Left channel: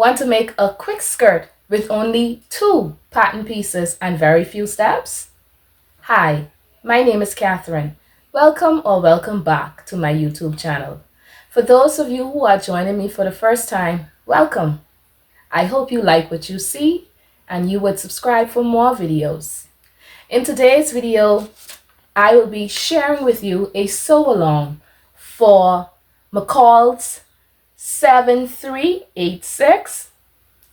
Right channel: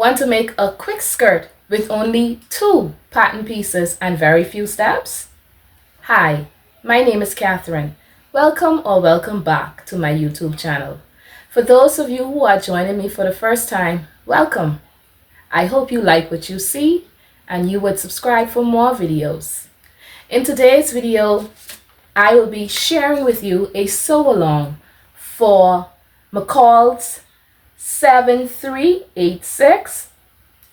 Want to make a quick skirt with only 2 pattern pieces and very few steps? Hi, my name is Catherine. Welcome or welcome back to my YouTube channel. For those of you who are joining me for the first time, welcome. I hope you like what you see and you would subscribe for more videos. In today's video, I will be sharing with you a sew along for MCCALL'S 7386,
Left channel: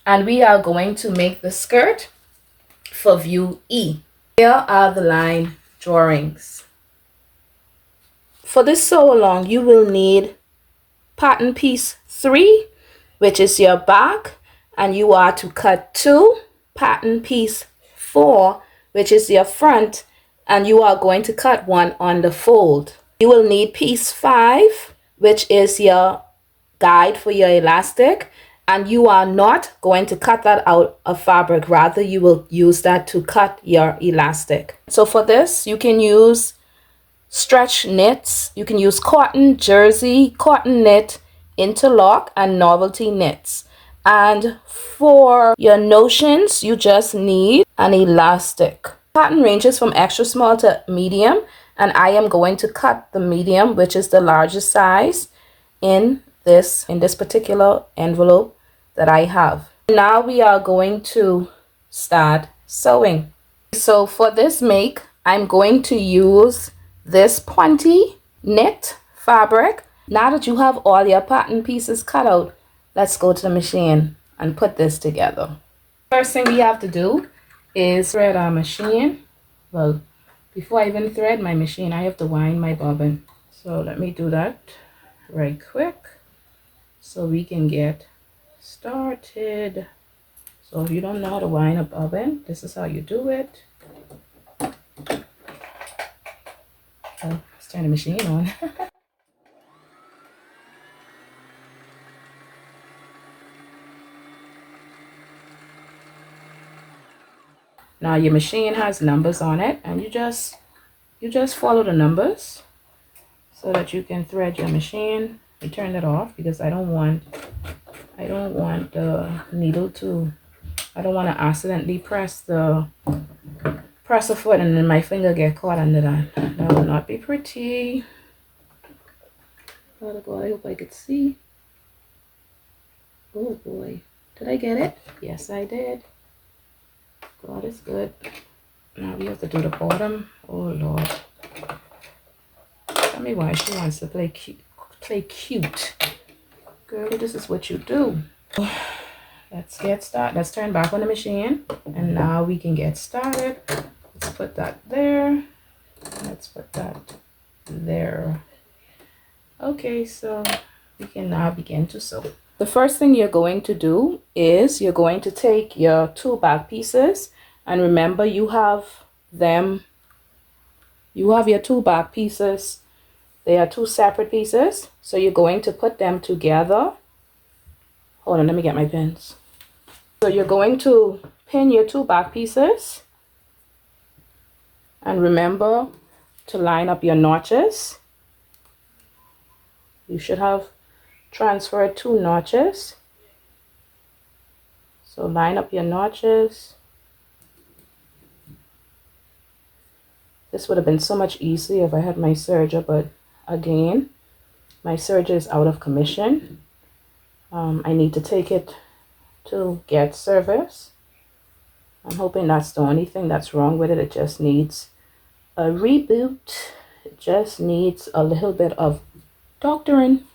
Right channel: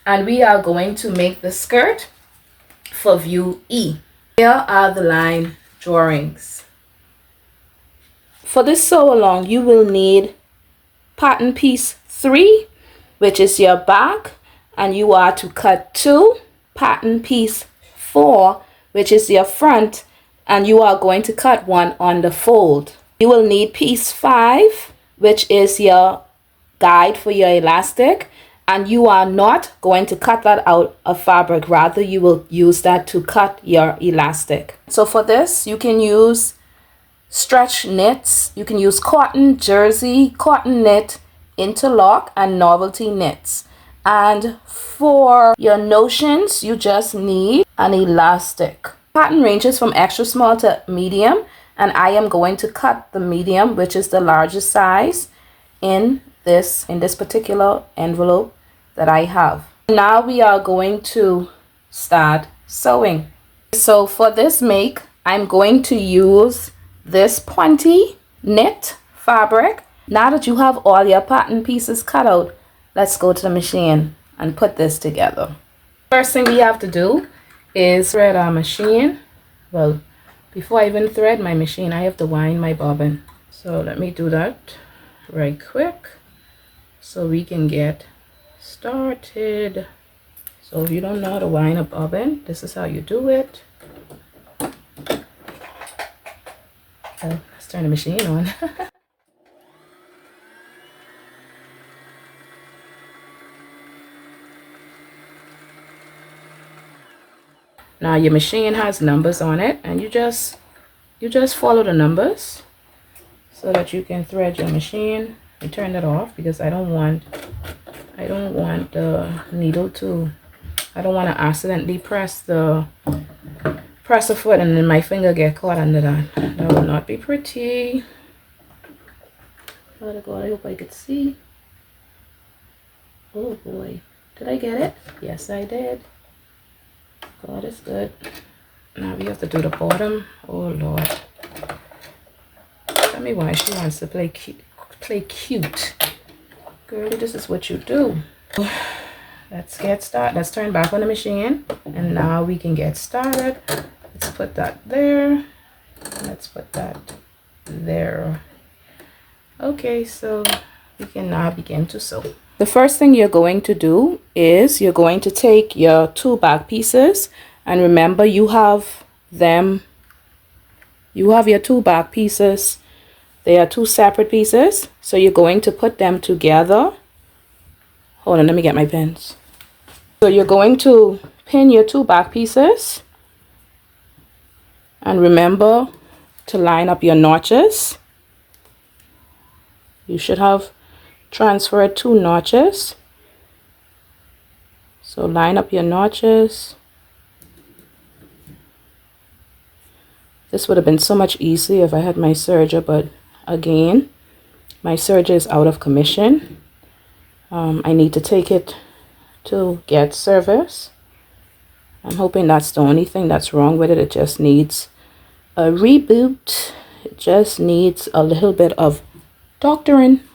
and we are going to make the skirt for View E. Here are the line drawings. For this sew along, you will need pattern piece 3, which is your back, and you are to cut 2, pattern piece 4, which is your front, and you are going to cut 1 on the fold. You will need piece 5, which is your guide for your elastic, and you are not going to cut that out of fabric, rather you will use that to cut your elastic. So for this, you can use stretch knits, you can use cotton, jersey, cotton knit, interlock, and novelty knits. And for your notions, you just need an elastic. Pattern ranges from extra small to medium, and I am going to cut the medium, which is the largest size, in this particular envelope that I have. Now we are going to start sewing. So for this make, I'm going to use this pointy knit fabric. Now that you have all your pattern pieces cut out, let's go to the machine and put this together. First thing we have to do is thread our machine. Well, before I even thread my machine, I have to wind my bobbin. So let me do that right quick so we can get started. So if you don't know how to wind a bobbin, this is how you do it. Let's turn the machine on. Now your machine has numbers on it, and you just follow the numbers so that you can thread your machine. I turned it off because I don't want the needle to, I don't want to accidentally press a foot and then my finger get caught under that. That will not be pretty. Oh God, I hope I could see. Oh boy, did I get it? Yes, I did. God is good. Now we have to do the bottom. Oh Lord. Tell me why she wants to play cute. Girl, this is what you do. Let's get started. Let's turn back on the machine, and now we can get started. Let's put that there. Let's put that there. Okay, so we can now begin to sew. The first thing you're going to do is you're going to take your 2 back pieces, and remember you have your 2 back pieces. They are 2 separate pieces, so you're going to put them together. Hold on, let me get my pins. So you're going to pin your 2 back pieces, and remember to line up your notches. You should have transferred 2 notches. So line up your notches. This would have been so much easier if I had my serger, but again, my serger is out of commission. I need to take it to get service. I'm hoping that's the only thing that's wrong with it. It just needs a reboot. It just needs a little bit of doctoring.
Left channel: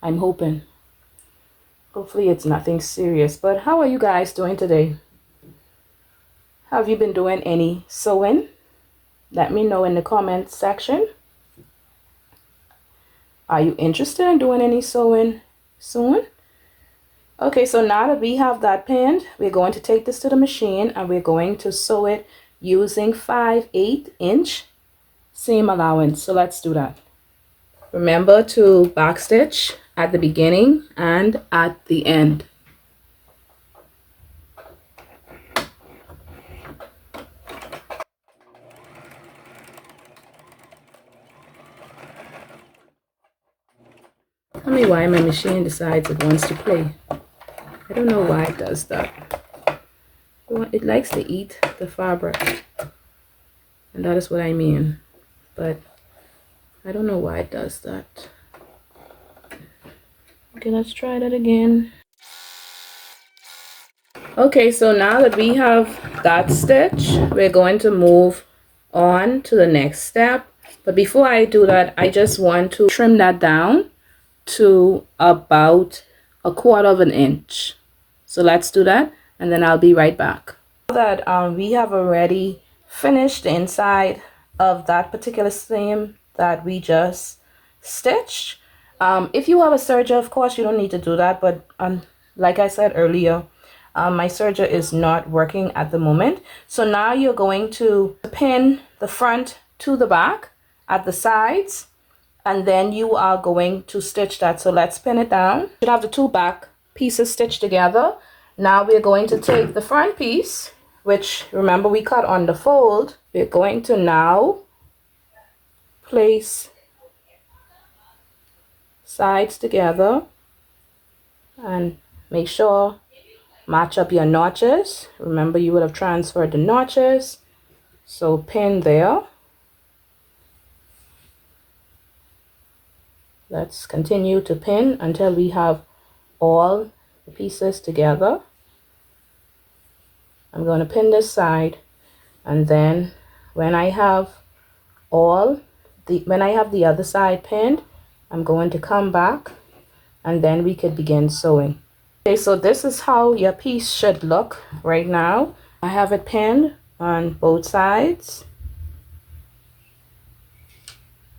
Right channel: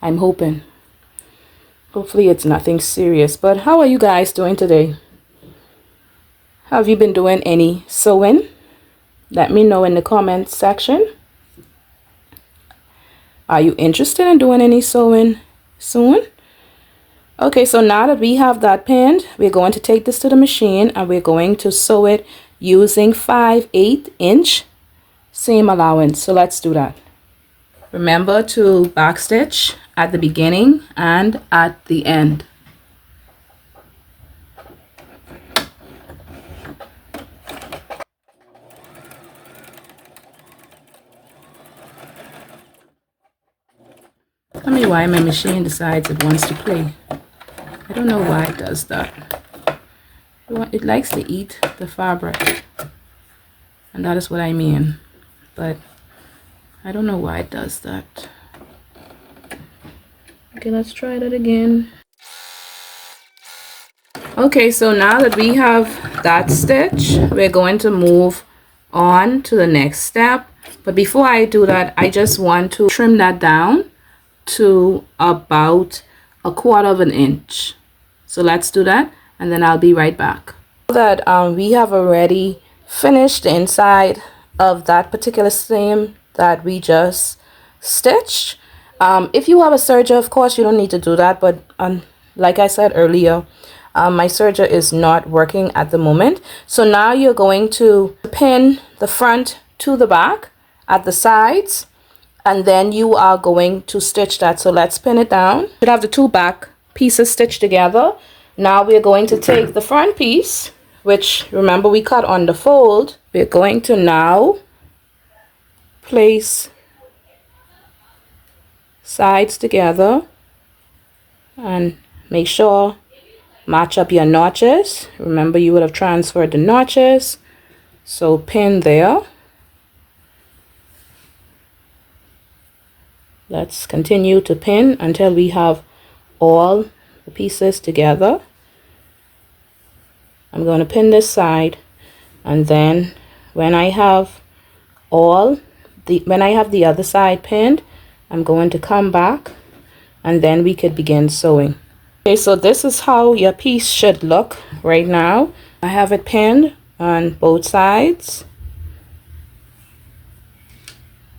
I'm hoping. Hopefully it's nothing serious. But how are you guys doing today? Have you been doing any sewing? Let me know in the comments section. Are you interested in doing any sewing soon? Okay, so now that we have that pinned, we're going to take this to the machine and we're going to sew it using 5/8 inch seam allowance. So let's do that. Remember to backstitch at the beginning and at the end. Tell me why my machine decides it wants to play. I don't know why it does that. It likes to eat the fabric, and that is what I mean, but I don't know why it does that. Okay, let's try that again. Okay, so now that we have that stitch, we're going to move on to the next step. But before I do that, I just want to trim that down to about 1/4 of an inch. So let's do that, and then I'll be right back. That we have already finished the inside of that particular seam that we just stitched. If you have a serger, of course you don't need to do that, but like I said earlier, my serger is not working at the moment. So now you're going to pin the front to the back at the sides, and then you are going to stitch that. So let's pin it down. You should have the two back pieces stitched together. Now we're going to take the front piece, which remember we cut on the fold. We're going to now place sides together and make sure match up your notches. Remember, you would have transferred the notches, so pin there. Let's continue to pin until we have all the pieces together. I'm going to pin this side, and then when I have the other side pinned, I'm going to come back, and then we could begin sewing. Okay, so this is how your piece should look right now. I have it pinned on both sides.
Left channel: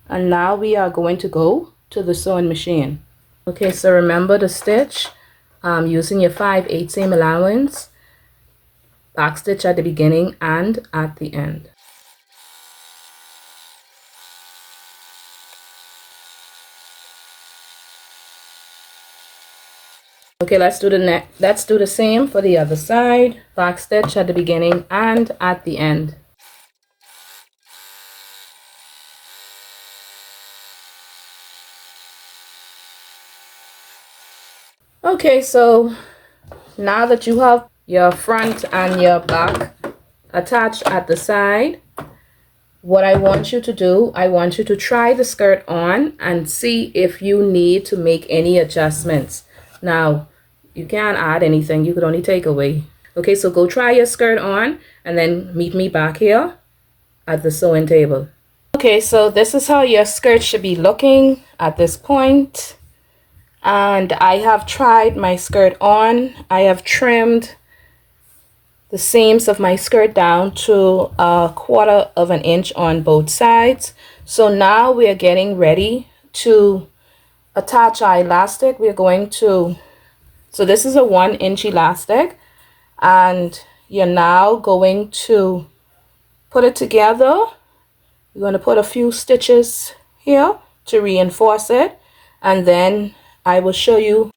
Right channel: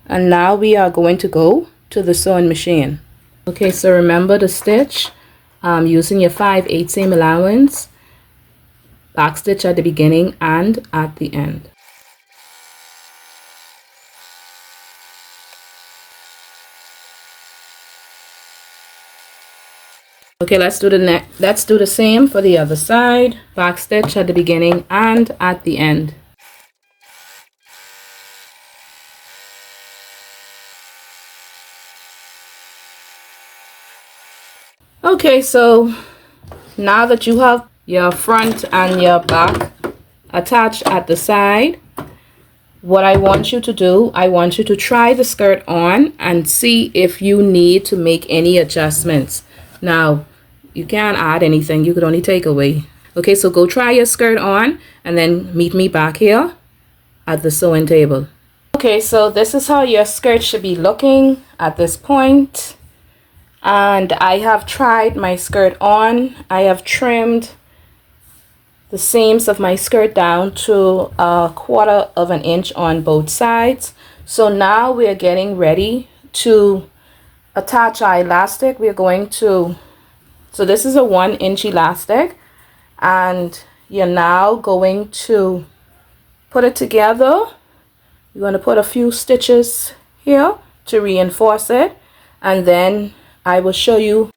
And now we are going to go to the sewing machine. Okay, so remember to stitch using your 5/8 seam allowance, back stitch at the beginning and at the end. Okay, let's do the same for the other side. Back stitch at the beginning and at the end. Okay, so now that you have your front and your back attached at the side, what I want you to do, I want you to try the skirt on and see if you need to make any adjustments. Now, you can't add anything, you could only take away. Okay, so go try your skirt on and then meet me back here at the sewing table. Okay, so this is how your skirt should be looking at this point. And I have tried my skirt on. I have trimmed the seams of my skirt down to 1/4 of an inch on both sides. So now we're getting ready to attach our elastic. We're going to, so this is a 1-inch elastic, and you're now going to put it together. You're going to put a few stitches here to reinforce it, and then I will show you.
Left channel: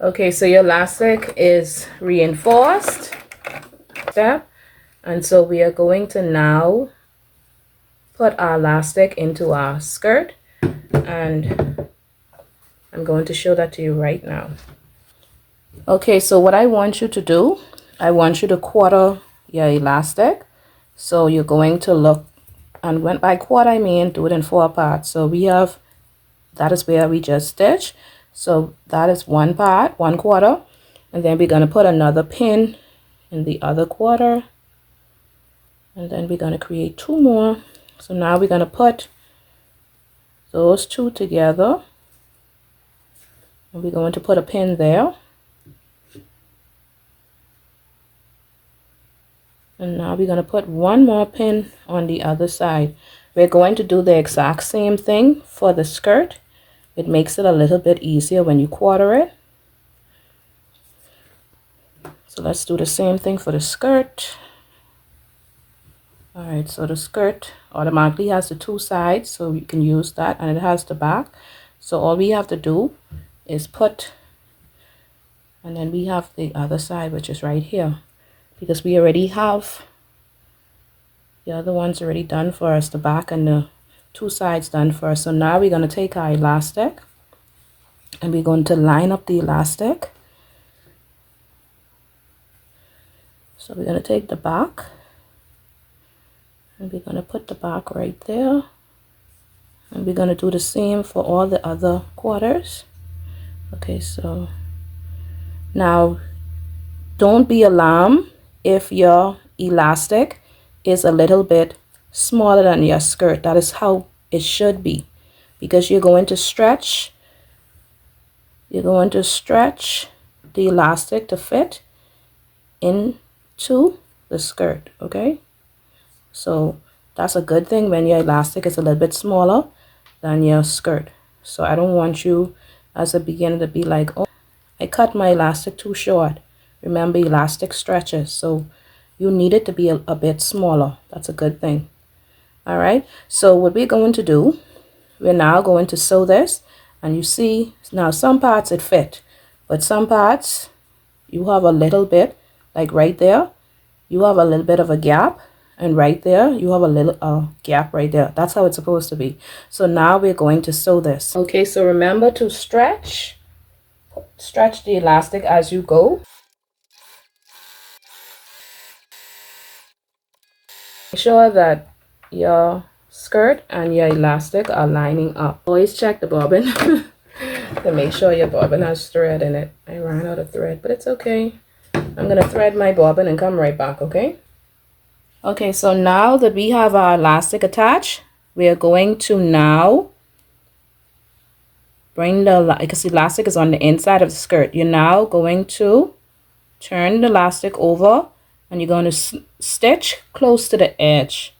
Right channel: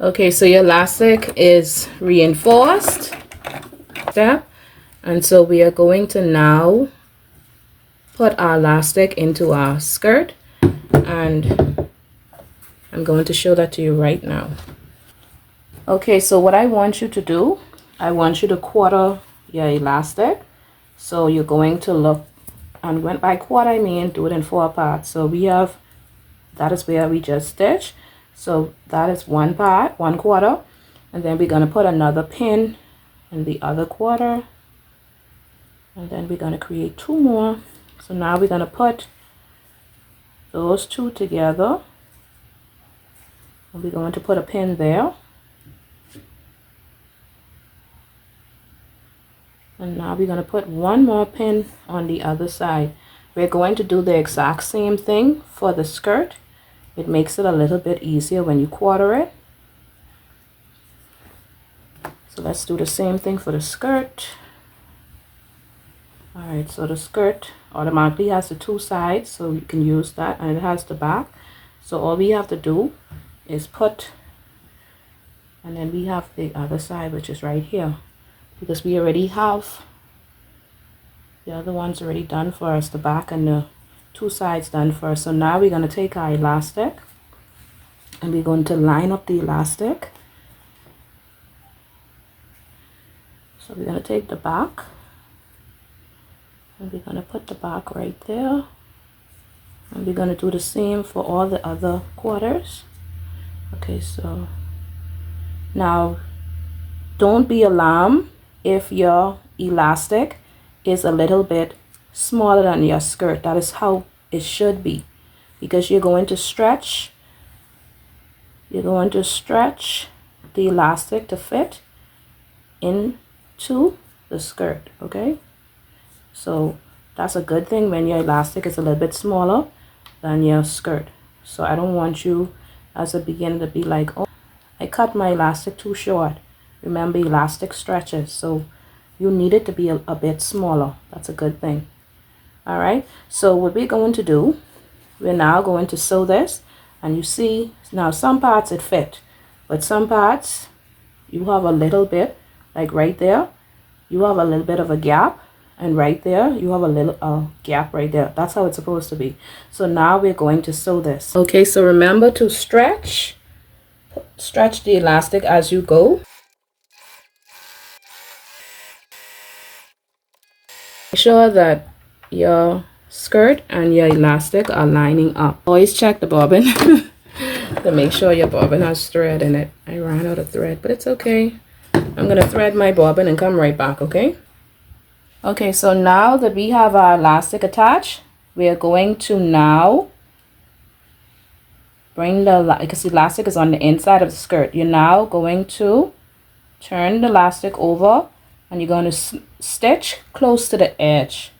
Okay, so your elastic is reinforced. Step, and so we are going to now put our elastic into our skirt, and I'm going to show that to you right now. Okay, so what I want you to do, I want you to quarter your elastic. So you're going to look, and when by quarter I mean do it in 4 parts. So we have, that is where we just stitched. So that is 1 part, 1/4, and then we're going to put another pin in the other quarter, and then we're going to create 2 more. So now we're going to put those 2 together, and we're going to put a pin there. And now we're going to put 1 more pin on the other side. We're going to do the exact same thing for the skirt. It makes it a little bit easier when you quarter it. So let's do the same thing for the skirt. All right, so the skirt automatically has the 2 sides, so you can use that, and it has the back. So all we have to do is put, and then we have the other side, which is right here, because we already have the other ones already done for us, the back and the 2 sides done for us. So now we're going to take our elastic, and we're going to line up the elastic. So we're going to take the back and we're going to put the back right there, and we're going to do the same for all the other quarters. Okay, so now don't be alarmed if your elastic is a little bit smaller than your skirt. That is how it should be, because you're going to stretch the elastic to fit into the skirt. Okay, so that's a good thing when your elastic is a little bit smaller than your skirt. So I don't want you as a beginner to be like, oh, I cut my elastic too short. Remember, elastic stretches, so you need it to be a bit smaller. That's a good thing. All right, so what we're going to do, we're now going to sew this, and you see now some parts it fit, but some parts you have a little bit, like right there you have a little bit of a gap, and right there you have a little gap right there. That's how it's supposed to be. So now we're going to sew this. Okay, so remember to stretch the elastic as you go. Make sure that your skirt and your elastic are lining up. Always check the bobbin to make sure your bobbin has thread in it. I ran out of thread, but it's okay. I'm going to thread my bobbin and come right back, okay? Okay, so now that we have our elastic attached, we are going to now bring the, because the elastic is on the inside of the skirt. You're now going to turn the elastic over, and you're going to stitch close to the edge.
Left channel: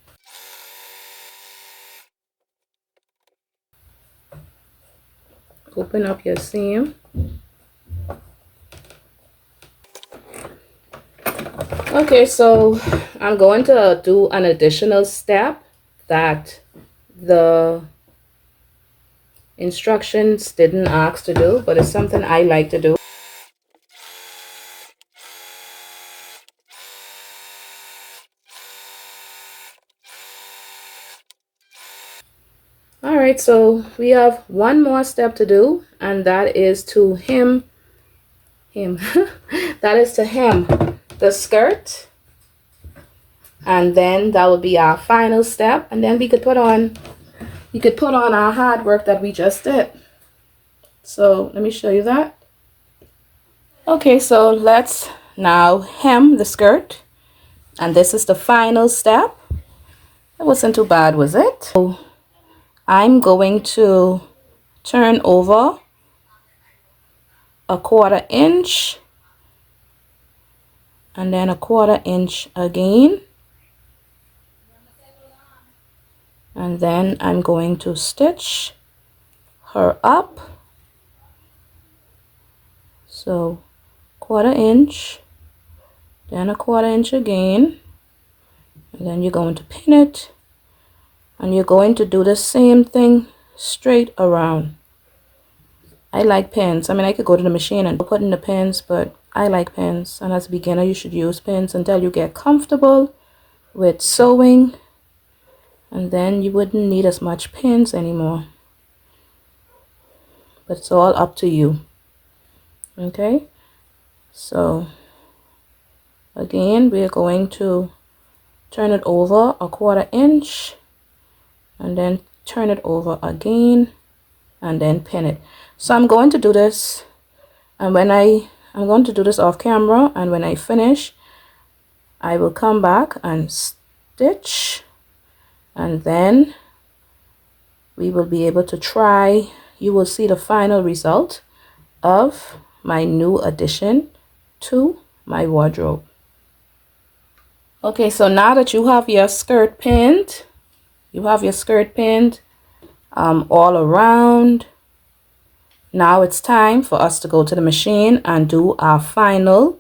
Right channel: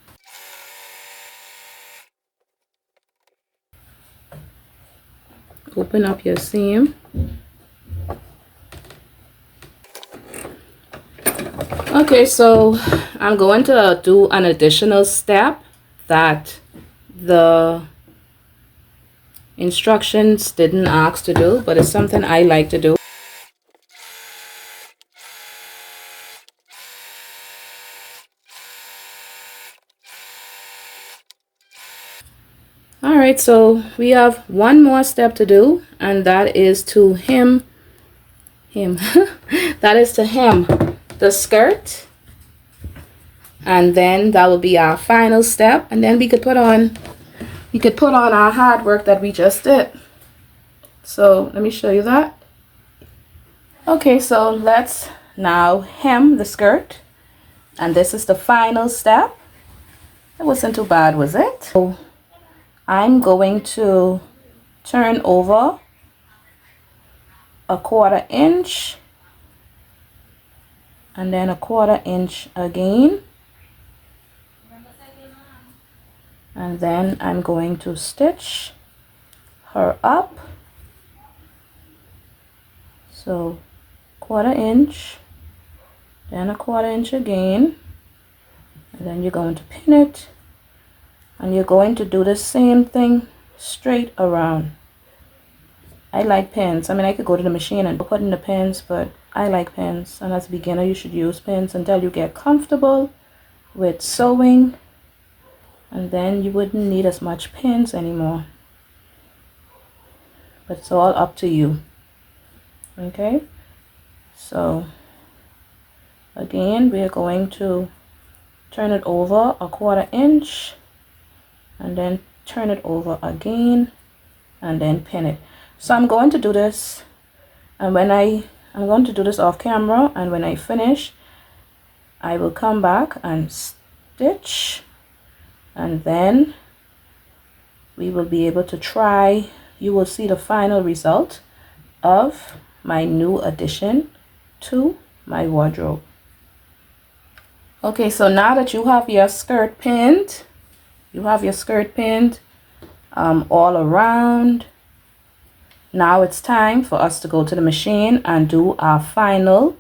Open up your seam. Okay, so I'm going to do an additional step that the instructions didn't ask to do, but it's something I like to do. All right, so we have one more step to do, and that is to hem that is to hem the skirt, and then that will be our final step, and then we could put on our hard work that we just did. So let me show you that. Okay, so let's now hem the skirt, and this is the final step. It wasn't too bad, was it? So I'm going to turn over a 1/4 inch, and then a 1/4 inch again, and then I'm going to stitch her up. So 1/4 inch, then a 1/4 inch again, and then you're going to pin it, and you're going to do the same thing straight around. I like pins. I mean, I could go to the machine and put in the pins, but I like pins, and as a beginner you should use pins until you get comfortable with sewing, and then you wouldn't need as much pins anymore. But it's all up to you. Okay, so again we're going to turn it over a 1/4 inch, and then turn it over again, and then pin it. So I'm going to do this, and I'm going to do this off camera, and when I finish I will come back and stitch, and then we will be able to try. You will see the final result of my new addition to my wardrobe. Okay, so now that you have your skirt pinned, all around, now it's time for us to go to the machine and do our final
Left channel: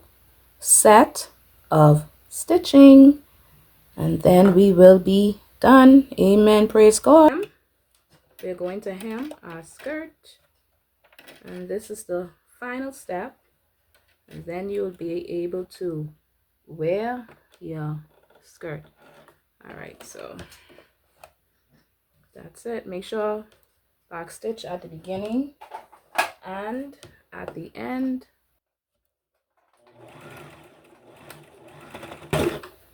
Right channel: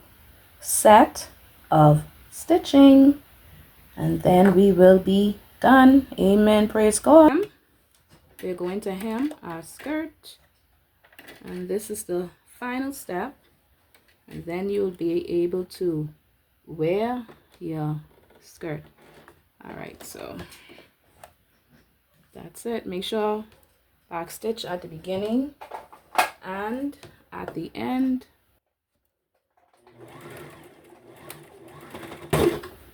set of stitching, and then we will be done. Amen, praise God. We're going to hem our skirt, and this is the final step, and then you'll be able to wear your skirt. All right, so that's it. Make sure back stitch at the beginning And at the end,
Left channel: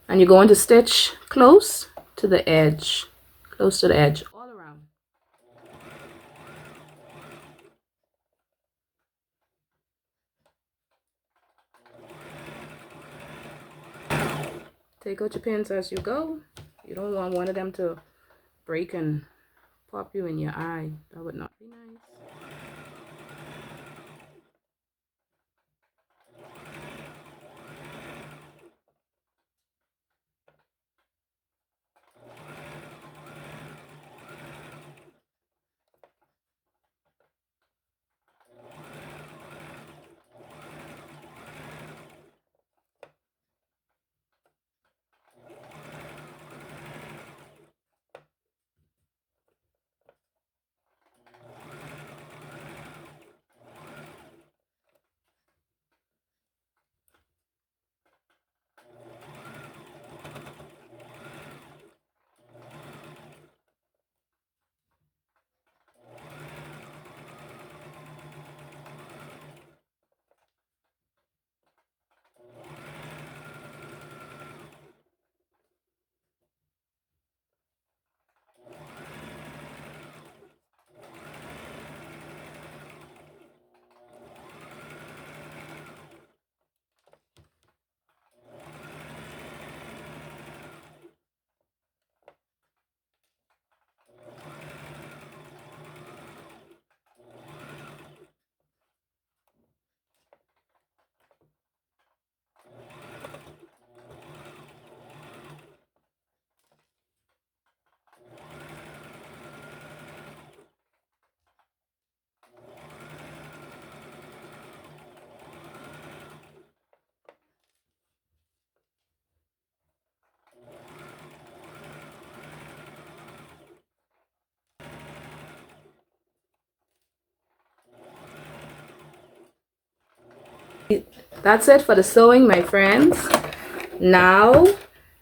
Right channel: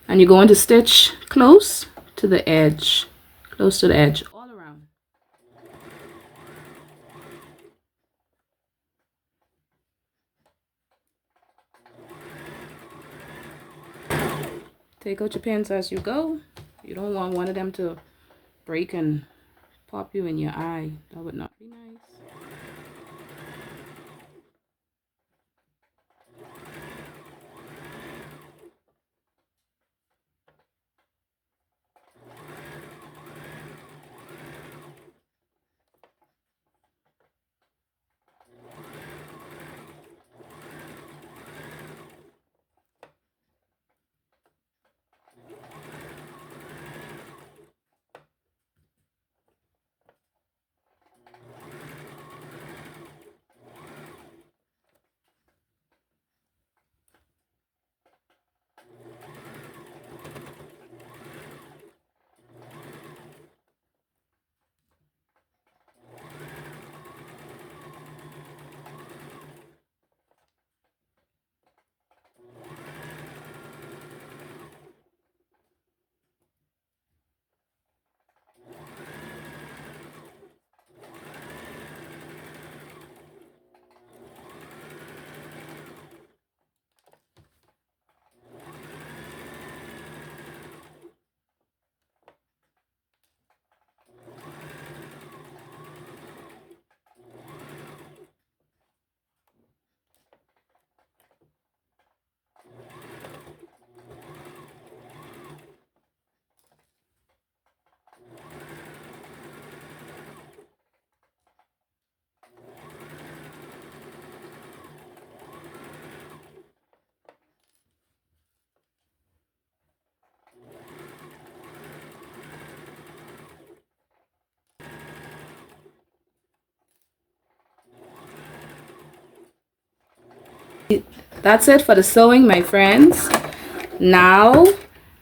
and you're going to stitch close to the edge, all around. Take out your pins as you go. You don't want one of them to break and pop you in your eye. That would not be nice. That's it for the sewing, my friends. Now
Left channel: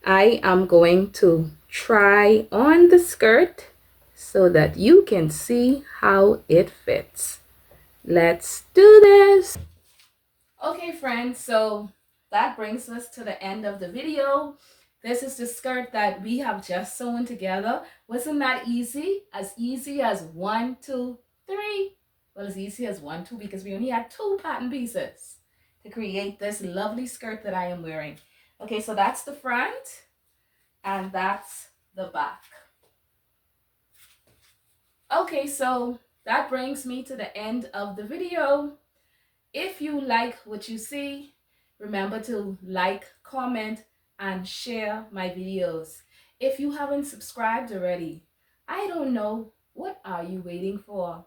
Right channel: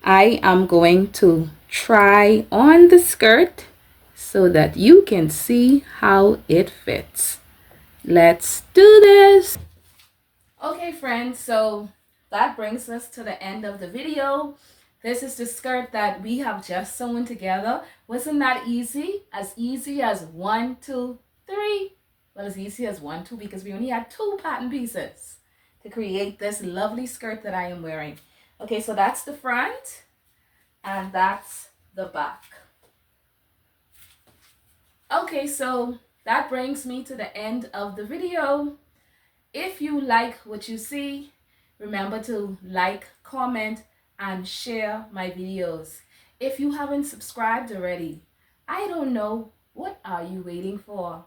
I am going to try on the skirt so that you can see how it fits. Let's do this. Okay, friends, so that brings us to the end of the video. This is the skirt that we have just sewn together. Wasn't that easy? As easy as 1, 2, 3. Well, as easy as 1, 2 because we only had 2 pattern pieces to create this lovely skirt that I am wearing. Okay, so that's the front and that's the back. Okay, so that brings me to the end of the video. If you like what you see, remember to like, comment, and share my videos. If you haven't subscribed already, I don't know, what are you waiting for?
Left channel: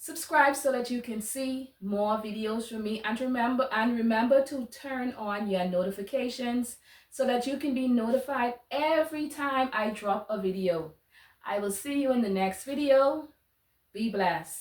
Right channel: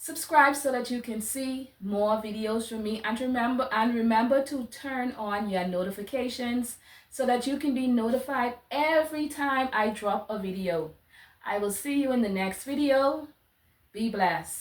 Subscribe so that you can see more videos from me, and remember to turn on your notifications so that you can be notified every time I drop a video. I will see you in the next video. Be blessed.